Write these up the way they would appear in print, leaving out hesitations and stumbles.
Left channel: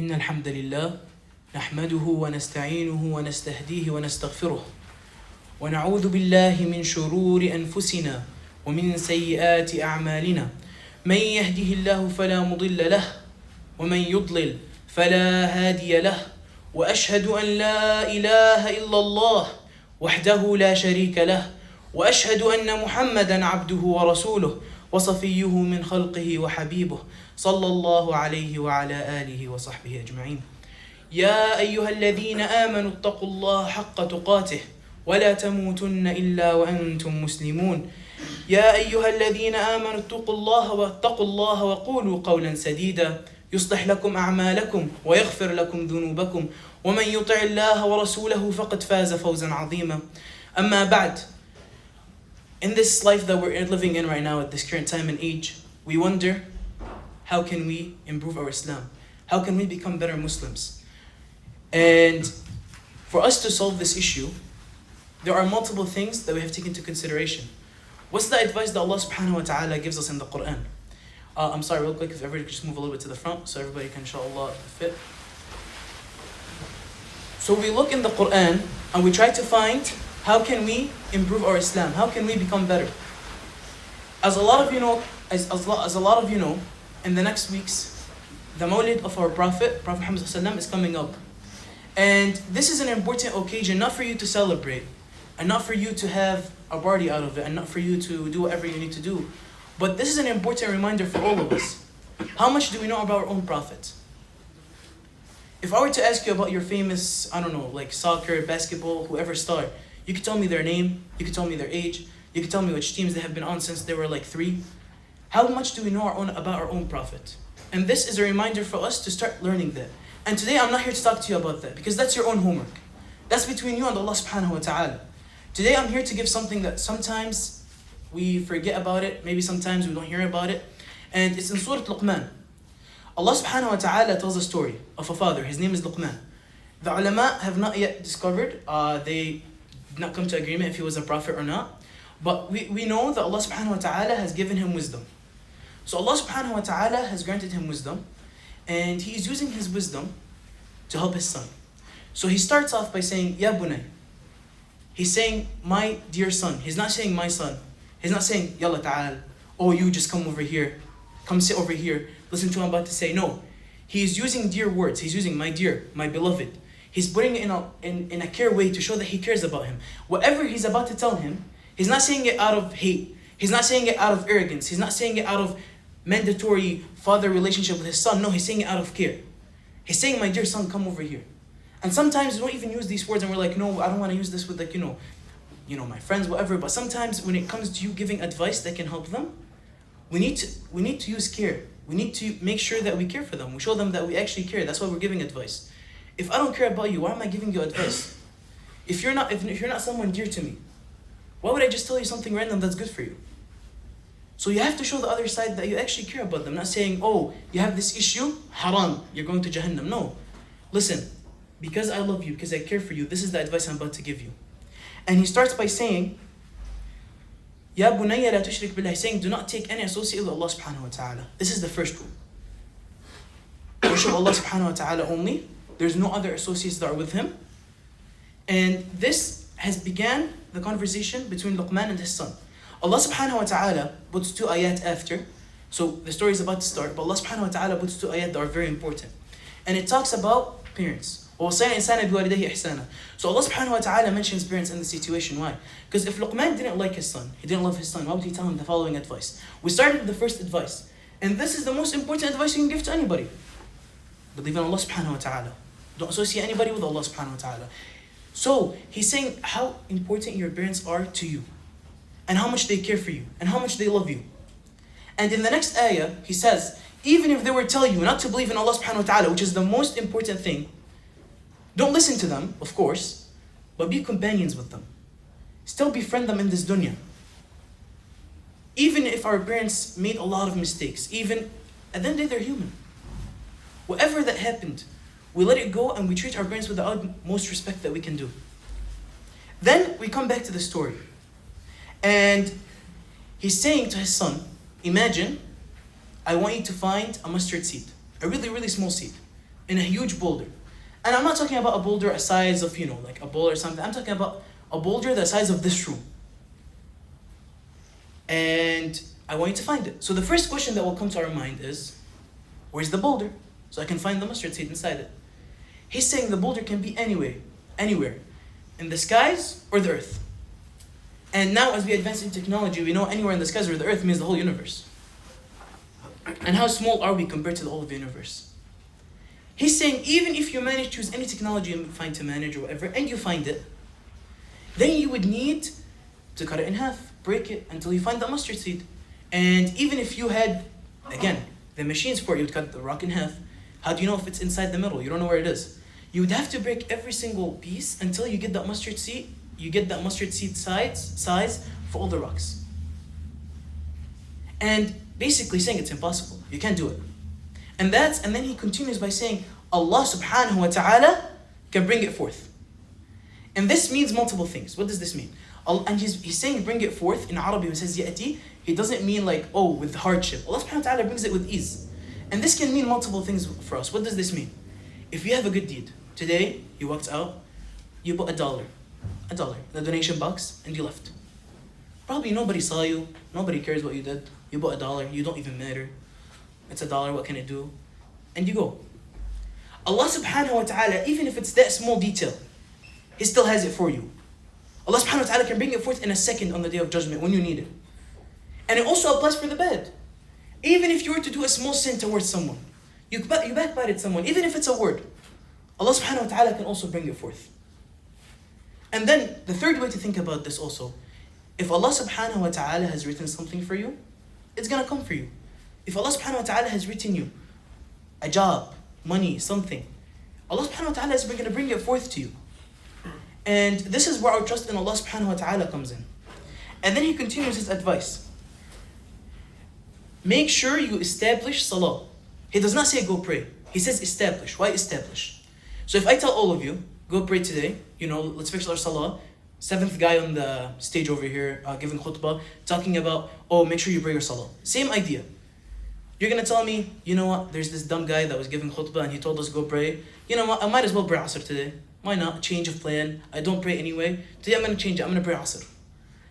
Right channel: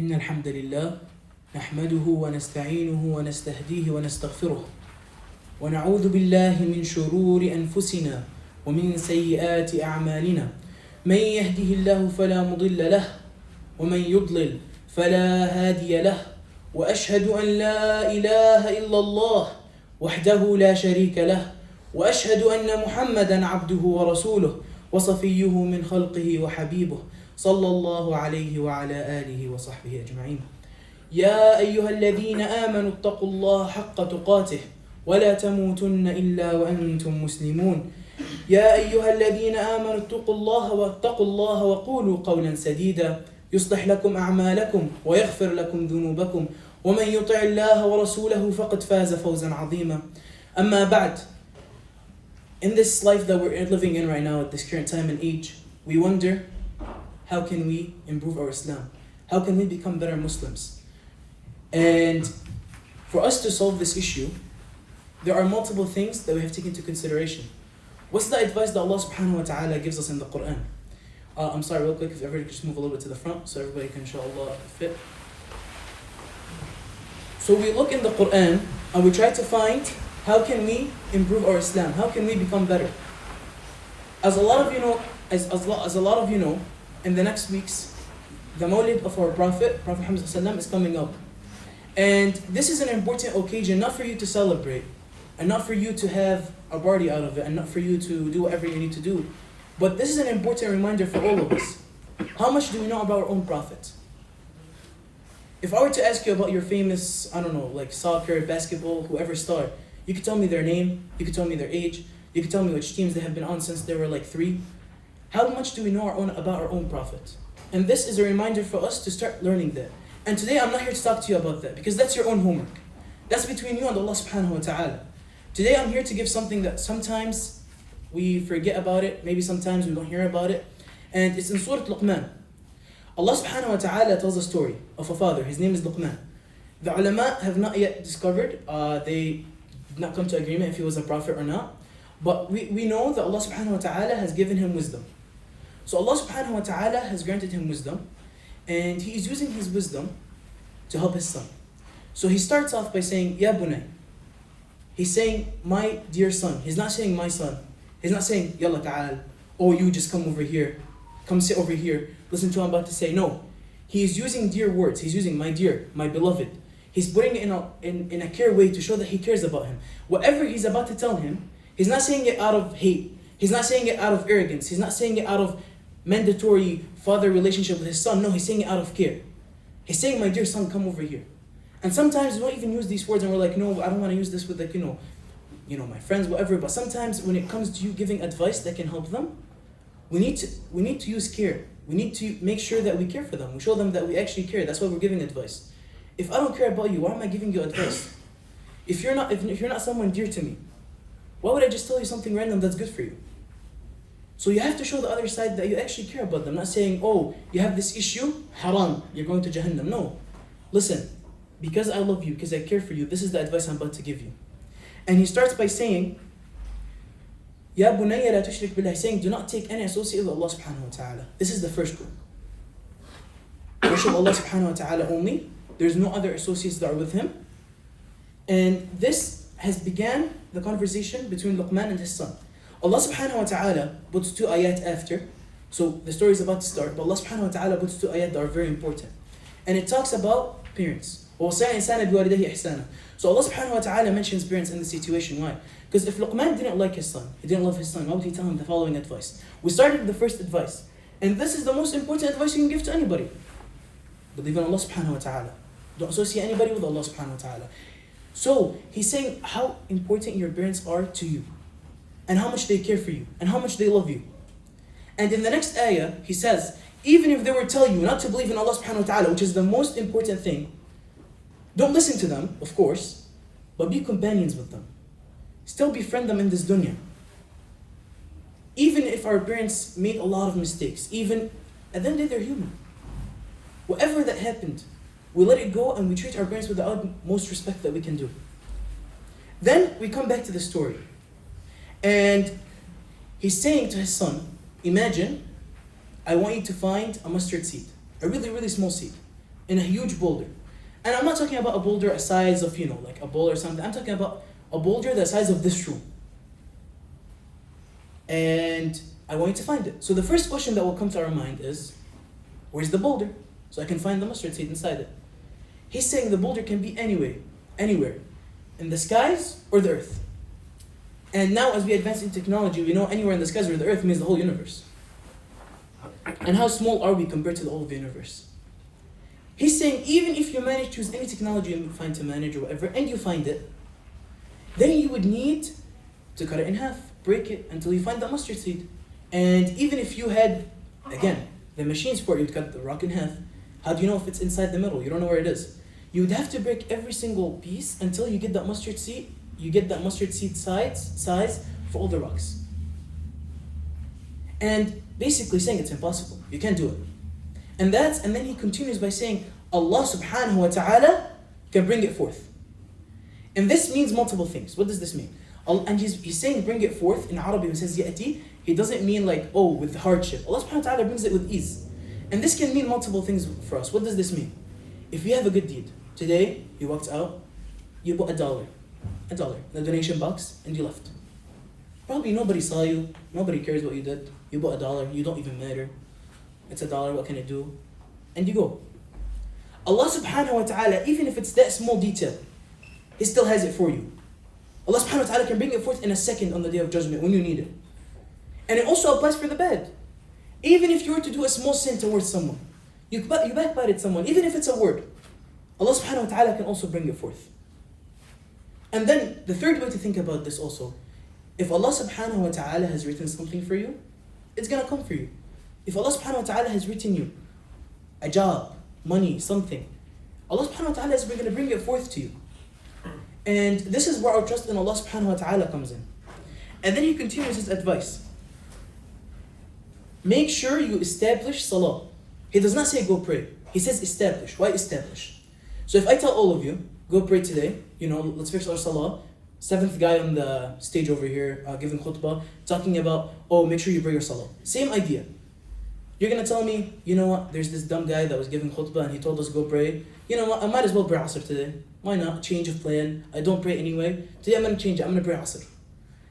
إن الحمد لله نحمده ونستعينه ونستهديه ونستغفره ونعوذ بالله من شرور أنفسنا ومن سيئات أعمالنا من يهده الله فلا مضل له ومن يضلل فلا هادي له وأشهد أن لا إله إلا الله وحده لا شريك له وأشهد أن محمدا عبده ورسوله وصفيه من خلقه وحبيبه صلى الله عليه وعلى آله وصحبه أجمعين. يا أيها الذين آمنوا اتقوا الله حق تقاته ولا تموتن إلا وأنتم مسلمون. يا أيها الذين آمنوا اتقوا الله وقولوا قولا سديدا يصلح لكم أعمالكم ويغفر لكم ذنوبكم ومن يطع الله ورسوله فقد فاز فوزا عظيما. أما بعد, in this life that we're living in right now at this current time and age, we wonder, how can we improve our Islam? How can we become better Muslims? And for us to solve this issue, there are multiple things that we have to take into consideration. What's the advice that Allah subhanahu wa ta'ala gives us in the Quran? I'm sorry, real quick, if everybody could just move a little bit to the front so everybody can inshallah fit. So we look in the Quran and we try to find, how can we improve our Islam? How can we become better? As a lot of you know, in the next weeks, the Mawlid of our Prophet Hamzeh Adi is coming up. And this is an important occasion, not for you to celebrate, and not for you to have a party out of it, and not for you to do whatever you need to do. But this is an important reminder for all of us. How much do we know about our own Prophet? If I were to ask you about your famous, like soccer, basketball, whoever star, you could tell me their name, you could tell me their age, you could tell me which teams they have been on since they were like 3. How much do we know about our own Prophet? And this is a reminder for us to start learning that. And today I'm not here to talk to you about that, because that's your own homework. That's between you and Allah subhanahu wa ta'ala. Today I'm here to give something that sometimes we forget about it, maybe sometimes we don't hear about it. And it's in Surah Luqman. Allah subhanahu wa ta'ala tells a story of a father. His name is Luqman. The ulama have not yet discovered, they did not come to agreement if he was a prophet or not. But we know that Allah subhanahu wa ta'ala has given him wisdom. So Allah subhanahu wa ta'ala has granted him wisdom, and he is using his wisdom to help his son. So he starts off by saying, Ya bunay. He's saying, my dear son. He's not saying my son. He's not saying, Yalla ta'al. Oh, you just come over here. Come sit over here. Listen to what I'm about to say. No. He is using dear words. He's using my dear, my beloved. He's putting it in a care way to show that he cares about him. Whatever he's about to tell him, he's not saying it out of hate. He's not saying it out of arrogance. He's not saying it out of mandatory father relationship with his son. No, he's saying it out of care. He's saying, my dear son, come over here. And sometimes we don't even use these words and we're like, no, I don't want to use this with my friends, whatever. But sometimes when it comes to you giving advice that can help them, we need to use care. We need to make sure that we care for them. We show them that we actually care. That's why we're giving advice. If I don't care about you, why am I giving you advice? If you're not someone dear to me, why would I just tell you something random that's good for you? So you have to show the other side that you actually care about them. Not saying, oh, you have this issue, haram, you're going to Jahannam. No. Listen, because I love you, because I care for you, this is the advice I'm about to give you. And he starts by saying, Ya bunayya la tushrik billah, saying, do not take any associate with Allah subhanahu wa ta'ala. This is the first rule. Worship Allah subhanahu wa ta'ala only. There's no other associates that are with him. And this has began the conversation between Luqman and his son. Allah subhanahu wa ta'ala puts 2 ayat after. So the story is about to start, but Allah subhanahu wa ta'ala puts 2 ayat that are very important. And it talks about parents. So Allah subhanahu wa ta'ala mentions parents in the situation. Why? Because if Luqman didn't like his son, he didn't love his son, why would he tell him the following advice? We started with the first advice. And this is the most important advice you can give to anybody. Believe in Allah subhanahu wa ta'ala. Don't associate anybody with Allah subhanahu wa ta'ala. So he's saying how important your parents are to you, and how much they care for you, and how much they love you. And in the next ayah, he says, even if they were telling you not to believe in Allah subhanahu wa ta'ala, which is the most important thing, don't listen to them, of course, but be companions with them. Still befriend them in this dunya. Even if our parents made a lot of mistakes, even at the end of the day, they're human. Whatever that happened, we let it go and we treat our parents with the utmost respect that we can do. Then we come back to the story. And he's saying to his son, imagine, I want you to find a mustard seed, a really, really small seed. in a huge boulder. And I'm not talking about a boulder a size of, like a bowl or something. I'm talking about a boulder the size of this room. And I want you to find it. So the first question that will come to our mind is, where's the boulder? So I can find the mustard seed inside it. He's saying the boulder can be anywhere, in the skies or the earth. And now as we advance in technology, we know anywhere in the skies or the earth means the whole universe. And how small are we compared to the whole of the universe? He's saying even if you manage to use any technology you find to manage or whatever, and you find it, then you would need to cut it in half, break it until you find the mustard seed. And even if you had, again, the machines for it, you'd cut the rock in half. How do you know if it's inside the middle? You don't know where it is. You would have to break every single piece until you get that mustard seed. You get that mustard seed size for all the rocks. And basically saying it's impossible. You can't do it. And then he continues by saying, Allah subhanahu wa ta'ala can bring it forth. And this means multiple things. What does this mean? And he's saying bring it forth in Arabic. He says ya'ti. He doesn't mean like, with hardship. Allah subhanahu wa ta'ala brings it with ease. And this can mean multiple things for us. What does this mean? If you have a good deed, today you walked out, you put $1 in the donation box, and you left. Probably nobody saw you, nobody cares what you did. You bought $1, you don't even matter. It's $1, what can it do? And you go. Allah subhanahu wa ta'ala, even if it's that small detail, He still has it for you. Allah subhanahu wa ta'ala can bring it forth in a second on the day of judgment when you need it. And it also applies for the bad. Even if you were to do a small sin towards someone, you backbited someone, even if it's a word, Allah subhanahu wa ta'ala can also bring it forth. And then the third way to think about this also, if Allah subhanahu wa ta'ala has written something for you, it's gonna come for you. If Allah subhanahu wa ta'ala has written you a job, money, something, Allah subhanahu wa ta'ala is gonna bring it forth to you. And this is where our trust in Allah subhanahu wa ta'ala comes in. And then he continues his advice. Make sure you establish salah. He does not say go pray. He says establish. Why establish? So if I tell all of you, go pray today, let's fix our salah. Seventh guy on the stage over here giving khutbah, talking about, make sure you pray your salah. Same idea. You're going to tell me, you know what, there's this dumb guy that was giving khutbah and he told us go pray. You know what, I might as well pray Asr today. Why not? Change of plan. I don't pray anyway. Today I'm going to change it. I'm going to pray Asr.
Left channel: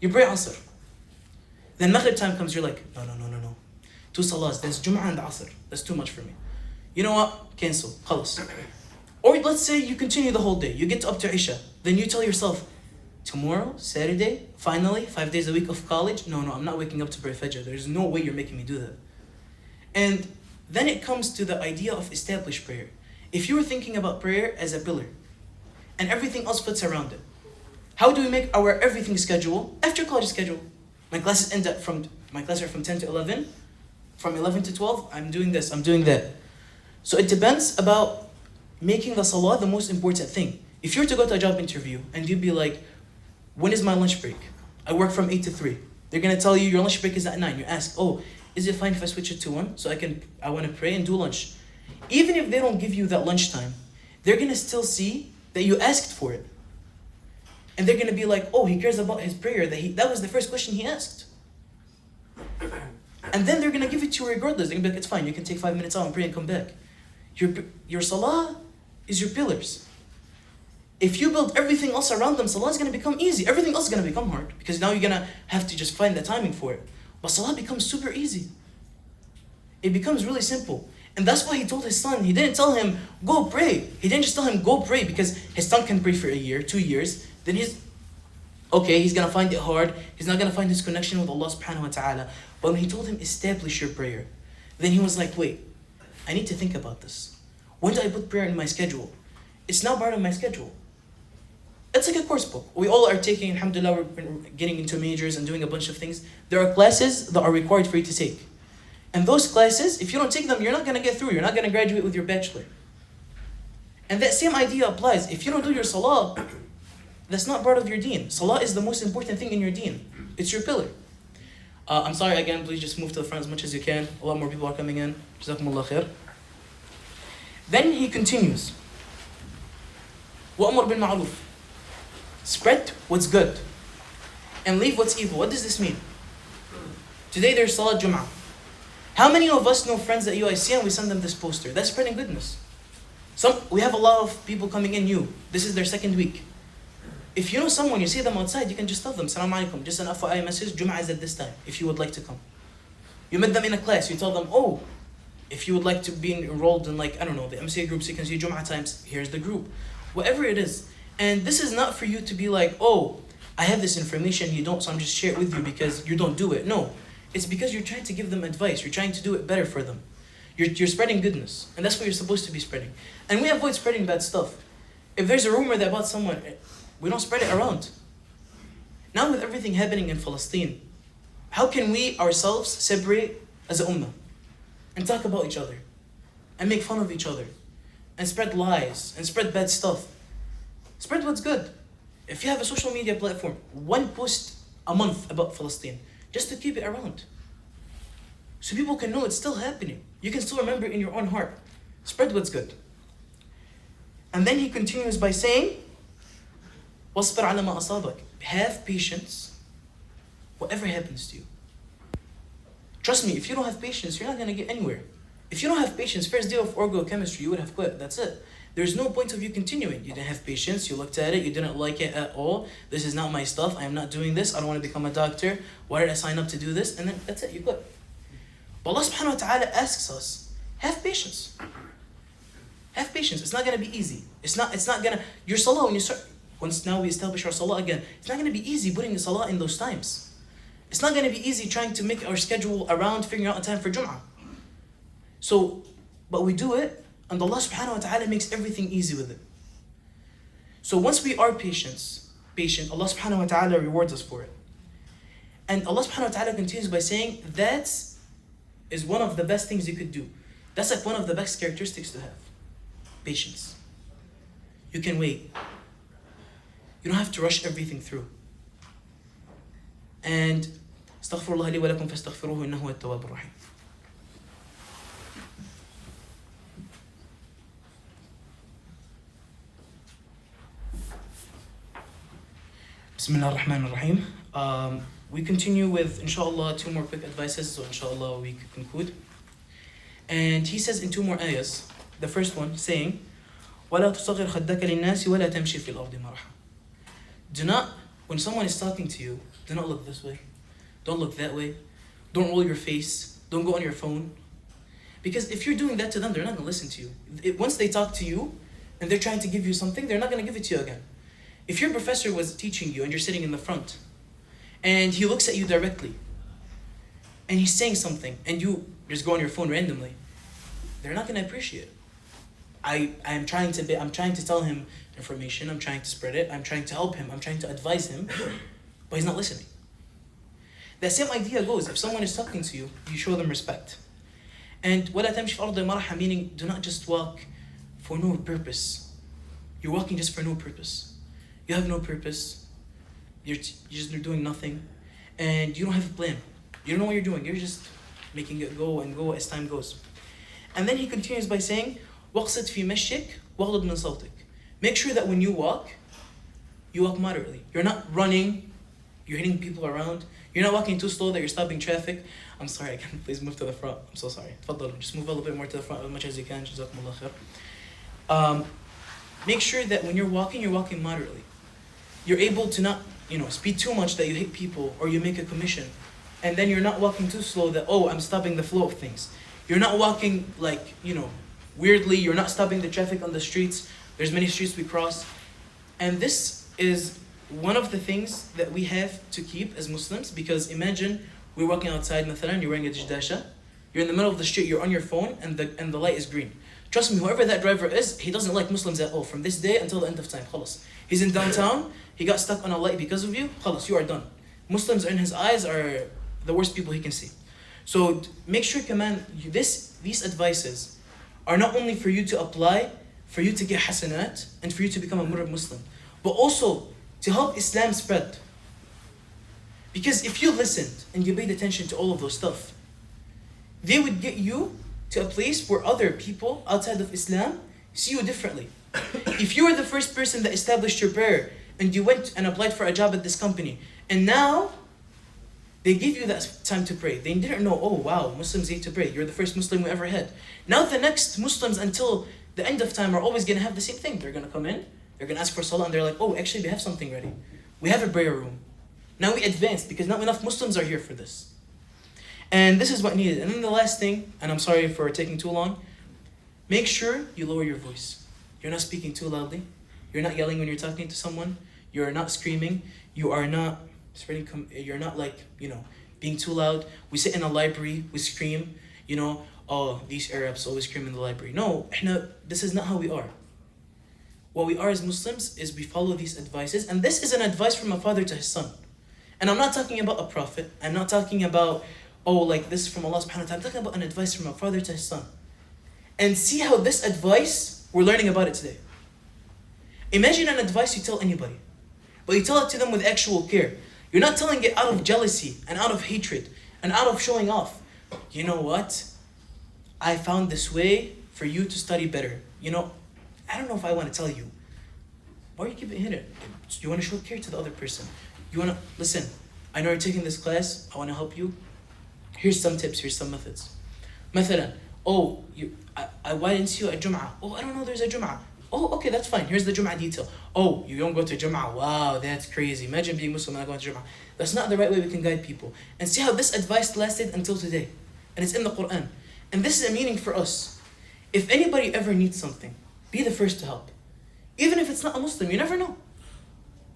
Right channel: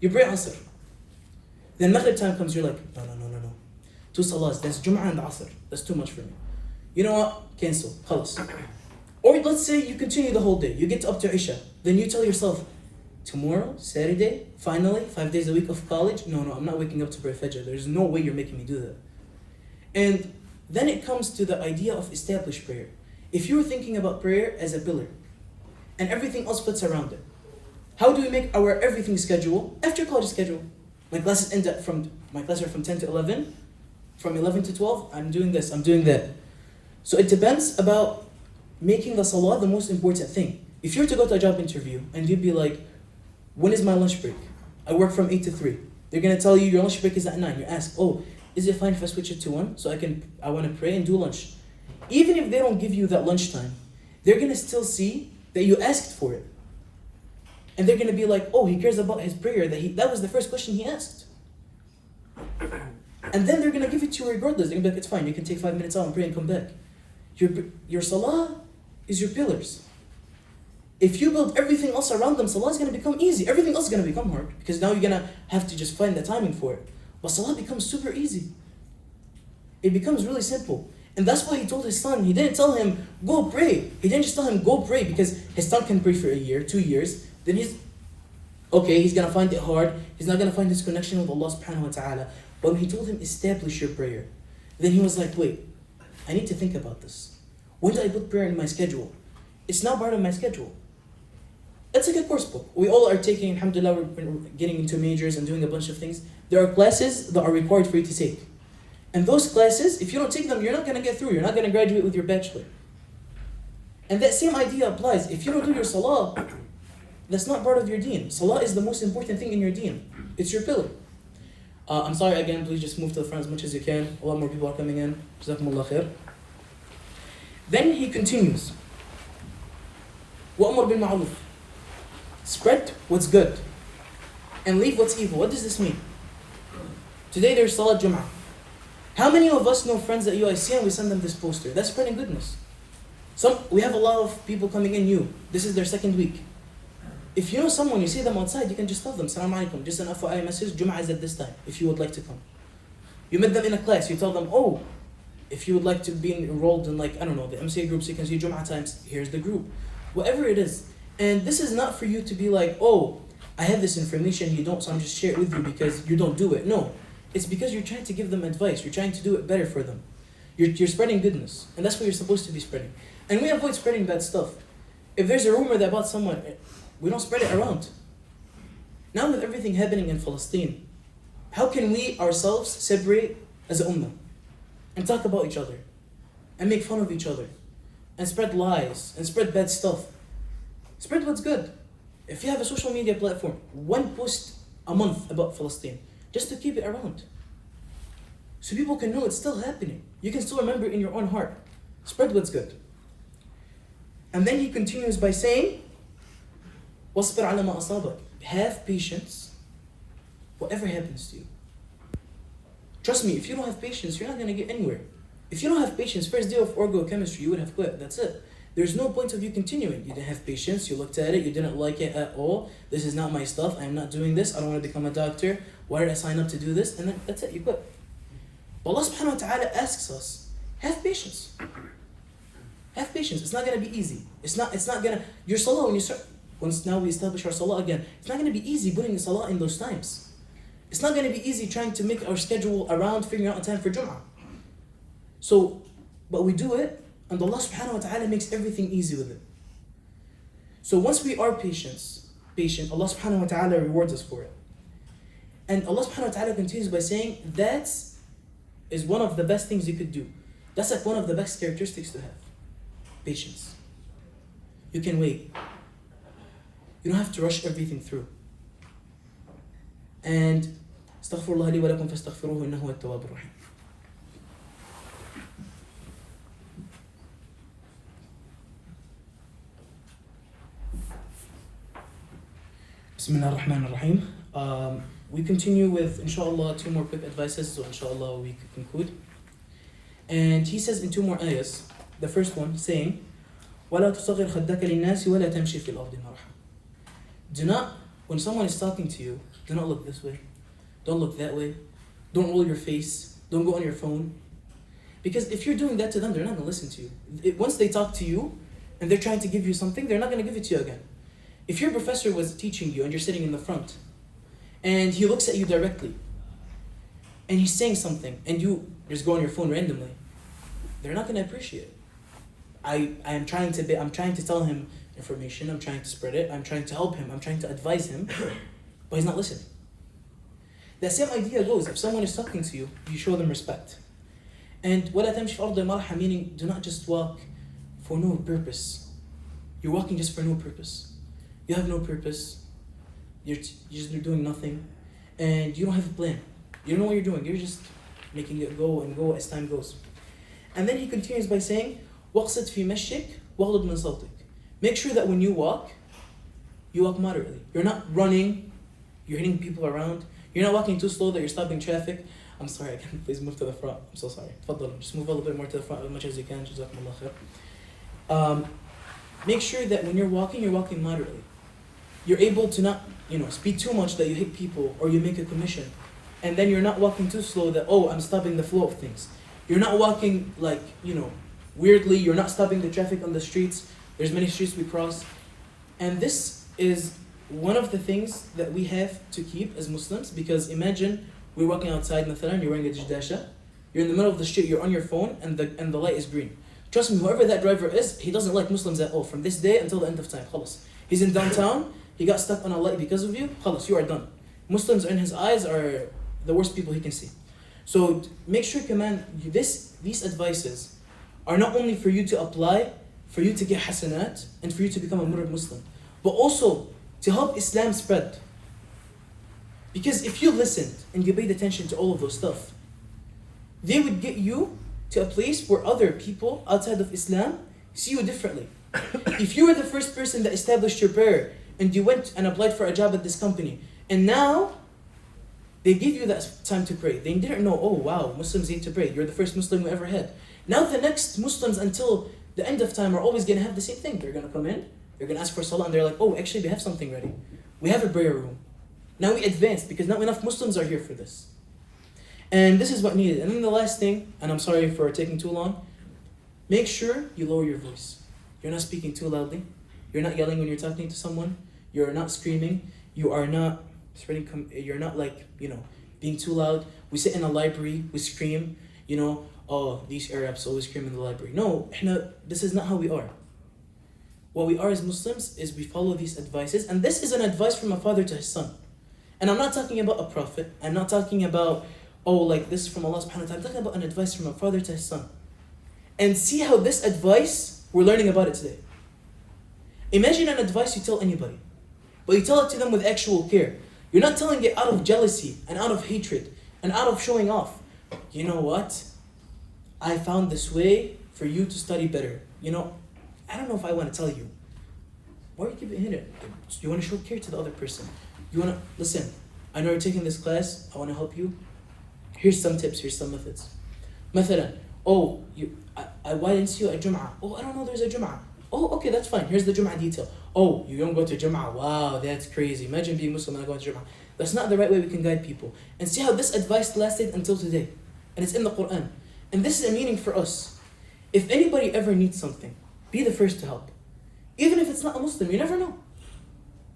You pray Asr. Then Maghrib time comes, you're like, no. 2 salahs, there's Jumu'ah and Asr. That's too much for me. You know what? Cancel. Khalas. Or let's say you continue the whole day. You get up to Isha. Then you tell yourself, tomorrow, Saturday, finally, 5 days a week of college. No, I'm not waking up to pray Fajr. There's no way you're making me do that. And then it comes to the idea of established prayer. If you were thinking about prayer as a pillar, and everything else fits around it, how do we make our everything schedule after college schedule? My classes are from 10 to 11. From 11 to 12, I'm doing this, I'm doing that. So it depends about making the salah the most important thing. If you were to go to a job interview and you'd be like, when is my lunch break? I work from 8 to 3. They're going to tell you your lunch break is at 9. You ask, is it fine if I switch it to 1? So I want to pray and do lunch. Even if they don't give you that lunchtime, they're going to still see that you asked for it. And they're going to be like, he cares about his prayer. That was the first question he asked. And then they're going to give it to you regardless. They're going to be like, it's fine, you can take 5 minutes out and pray and come back. Your salah is your pillars. If you build everything else around them, salah is going to become easy. Everything else is going to become hard because now you're going to have to just find the timing for it. But salah becomes super easy. It becomes really simple. And that's why he told his son, he didn't tell him, go pray. He didn't just tell him, go pray because his son can pray for a year, 2 years. Then he's going to find it hard. He's not going to find his connection with Allah subhanahu wa ta'ala. But when he told him, establish your prayer, then he was like, wait, I need to think about this. When do I put prayer in my schedule? It's not part of my schedule. It's like a course book. We all are taking, alhamdulillah, we're getting into majors and doing a bunch of things. There are classes that are required for you to take. And those classes, if you don't take them, you're not going to get through. You're not going to graduate with your bachelor. And that same idea applies. If you don't do your salah, that's not part of your deen. Salah is the most important thing in your deen. It's your pillar. I'm sorry again, please just move to the front as much as you can. A lot more people are coming in. Jazakumullah khair. Then he continues. وَأَمْرُ بِالْمَعْرُوفِ. Spread what's good and leave what's evil. What does this mean? Today there's Salat Jumu'ah. How many of us know friends at UIC and we send them this poster? That's spreading goodness. We have a lot of people coming in new. This is their second week. If you know someone, you see them outside, you can just tell them, Salaam alaikum, just an FYI message, Jum'ah is at this time, if you would like to come. You met them in a class, you tell them, oh, if you would like to be enrolled in, like, I don't know, the MCA groups, you can see Jum'ah times, here's the group. Whatever it is. And this is not for you to be like, oh, I have this information, you don't, so I'm just share it with you because you don't do it. No, it's because you're trying to give them advice, you're trying to do it better for them. You're spreading goodness, and that's what you're supposed to be spreading. And we avoid spreading bad stuff. If there's a rumor that about someone, we don't spread it around. Now with everything happening in Palestine, how can we ourselves separate as a ummah and talk about each other and make fun of each other and spread lies and spread bad stuff? Spread what's good. If you have a social media platform, one post a month about Palestine, just to keep it around. So people can know it's still happening. You can still remember it in your own heart. Spread what's good. And then he continues by saying, وَاصْبِرْ عَلَى مَا أَصَابَكَ. Have patience, whatever happens to you. Trust me, if you don't have patience, you're not going to get anywhere. If you don't have patience, first day of orgo chemistry, you would have quit. That's it. There's no point of you continuing. You didn't have patience, you looked at it, you didn't like it at all. This is not my stuff, I am not doing this, I don't want to become a doctor. Why did I sign up to do this? And then that's it, you quit. But Allah subhanahu wa ta'ala asks us, have patience. Have patience. It's not going to be easy. It's not going to, your salah, when you start, once now we establish our salah again, it's not going to be easy putting the salah in those times. It's not going to be easy trying to make our schedule around figuring out a time for Jum'ah. So, but we do it, and Allah subhanahu wa ta'ala makes everything easy with it. So once we are patient, Allah subhanahu wa ta'ala rewards us for it. And Allah subhanahu wa ta'ala continues by saying, that is one of the best things you could do. That's like one of the best characteristics to have. Patience. You can wait. You don't have to rush everything through. And astaghfirullah li wa lakum fastaghfiruhu innahu huwa at-tawwabur rahim. Bismillah ar-Rahman ar-Rahim. We continue with, inshallah, 2 more quick advices, so inshallah we could conclude. And he says in 2 more ayahs, the first one saying, وَلَا تُصَغِرْ خَدَّكَ لِلنَّاسِ وَلَا تَمْشِي فِي الْأَرْضِ مَرْحًا. Do not, when someone is talking to you, do not look this way. Don't look that way. Don't roll your face. Don't go on your phone. Because if you're doing that to them, they're not going to listen to you. Once they talk to you and they're trying to give you something, they're not going to give it to you again. If your professor was teaching you and you're sitting in the front and he looks at you directly and he's saying something and you just go on your phone randomly, they're not going to appreciate it. I'm trying to tell him information, I'm trying to spread it, I'm trying to help him, I'm trying to advise him, but he's not listening. That same idea goes, if someone is talking to you, you show them respect. And وَلَا تَمْشِي فِي الْأَرْضِ مَرَحًا, meaning do not just walk for no purpose. You're walking just for no purpose. You have no purpose. You're doing nothing. And you don't have a plan. You don't know what you're doing. You're just making it go and go as time goes. And then he continues by saying, وَقْصِدْ فِي مَشْيِكَ وَغْضُضْ مِنْ صَوْتِكَ. Make sure that when you walk moderately. You're not running. You're hitting people around. You're not walking too slow that you're stopping traffic. I'm sorry, I can't. Please move to the front. I'm so sorry. Tfaddal. Just move a little bit more to the front as much as you can. Jazakumullah khair. Make sure that when you're walking moderately. You're able to not, speed too much that you hit people or you make a commission. And then you're not walking too slow that, I'm stopping the flow of things. You're not walking weirdly. You're not stopping the traffic on the streets. There's many streets we cross. And this is one of the things that we have to keep as Muslims, because imagine we're walking outside, mathalan, you're wearing a jijdasha, you're in the middle of the street, you're on your phone, and the light is green. Trust me, whoever that driver is, he doesn't like Muslims at all, from this day until the end of time. Khalas. He's in downtown, he got stuck on a light because of you, khalas, you are done. Muslims in his eyes are the worst people he can see. So make sure, these advices are not only for you to apply, for you to get hasanat, and for you to become a murad Muslim, but also to help Islam spread. Because if you listened and you paid attention to all of those stuff, they would get you to a place where other people outside of Islam see you differently. If you were the first person that established your prayer and you went and applied for a job at this company, and now they give you that time to pray. They didn't know, oh wow, Muslims need to pray. You're the first Muslim we ever had. Now the next Muslims, until the end of time are always going to have the same thing. They're going to come in, they're going to ask for salah, and they're like, oh, actually we have something ready. We have a prayer room. Now we advanced because not enough Muslims are here for this. And this is what needed. And then the last thing, and I'm sorry for taking too long, make sure you lower your voice. You're not speaking too loudly. You're not yelling when you're talking to someone. You're not screaming. You are not spreading. You're not being too loud. We sit in a library. We scream. Oh, these Arabs always scream in the library. No, this is not how we are. What we are as Muslims is we follow these advices, and this is an advice from a father to his son. And I'm not talking about a prophet. I'm not talking about this is from Allah subhanahu wa ta'ala. I'm talking about an advice from a father to his son. And see how this advice, we're learning about it today. Imagine an advice you tell anybody, but you tell it to them with actual care. You're not telling it out of jealousy and out of hatred and out of showing off. You know what? I found this way for you to study better. I don't know if I want to tell you. Why are you keeping it? You want to show care to the other person. You want to, listen, I know you're taking this class. I want to help you. Here's some tips. Here's some methods. مثلا, why didn't you see you at Jum'ah? I don't know there's a Jum'ah. Okay, that's fine. Here's the Jum'ah detail. You don't go to Jum'ah. Wow, that's crazy. Imagine being Muslim and not going to Jum'ah. That's not the right way we can guide people. And see how this advice lasted until today. And it's in the Quran. And this is a meaning for us. If anybody ever needs something, be the first to help. Even if it's not a Muslim, you never know.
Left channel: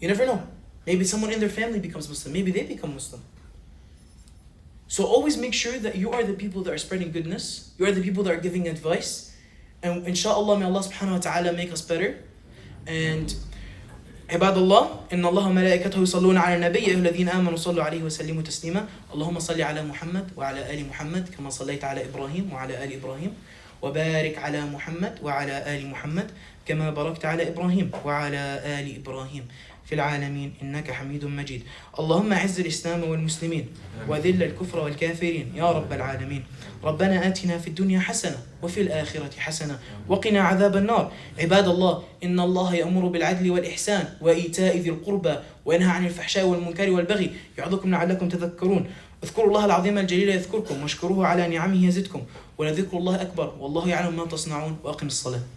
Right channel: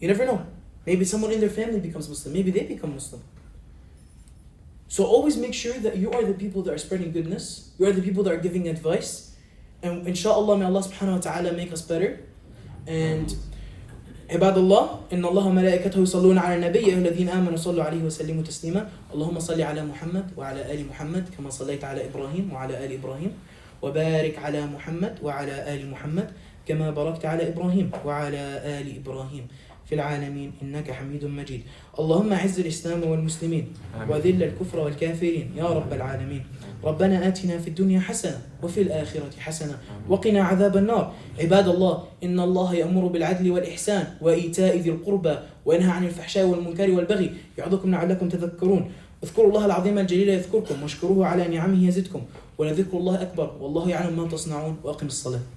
You never know. Maybe someone in their family becomes Muslim. Maybe they become Muslim. So always make sure that you are the people that are spreading goodness. You are the people that are giving advice. And inshallah, may Allah subhanahu wa ta'ala make us better. And عباد الله إن الله وملائكته يصلون على النبي يا أيها الذين آمنوا صلوا عليه وسلموا تسليما اللهم صل على محمد وعلى آل محمد كما صليت على إبراهيم وعلى آل إبراهيم وبارك على محمد وعلى آل محمد كما باركت على إبراهيم وعلى آل إبراهيم في العالمين إنك حميد مجيد اللهم أعز الإسلام والمسلمين وذل الكفر والكافرين يا رب العالمين ربنا آتنا في الدنيا حسنة وفي الآخرة حسنة وقنا عذاب النار عباد الله إن الله يأمر بالعدل والإحسان وإيتاء ذي القربى وينهى عن الفحشاء والمنكر والبغي يعظكم لعلكم تذكرون اذكروا الله العظيم الجليل يذكركم واشكروه على نعمه يزدكم ولذكر الله أكبر والله يعلم ما تصنعون وأقم الصلاة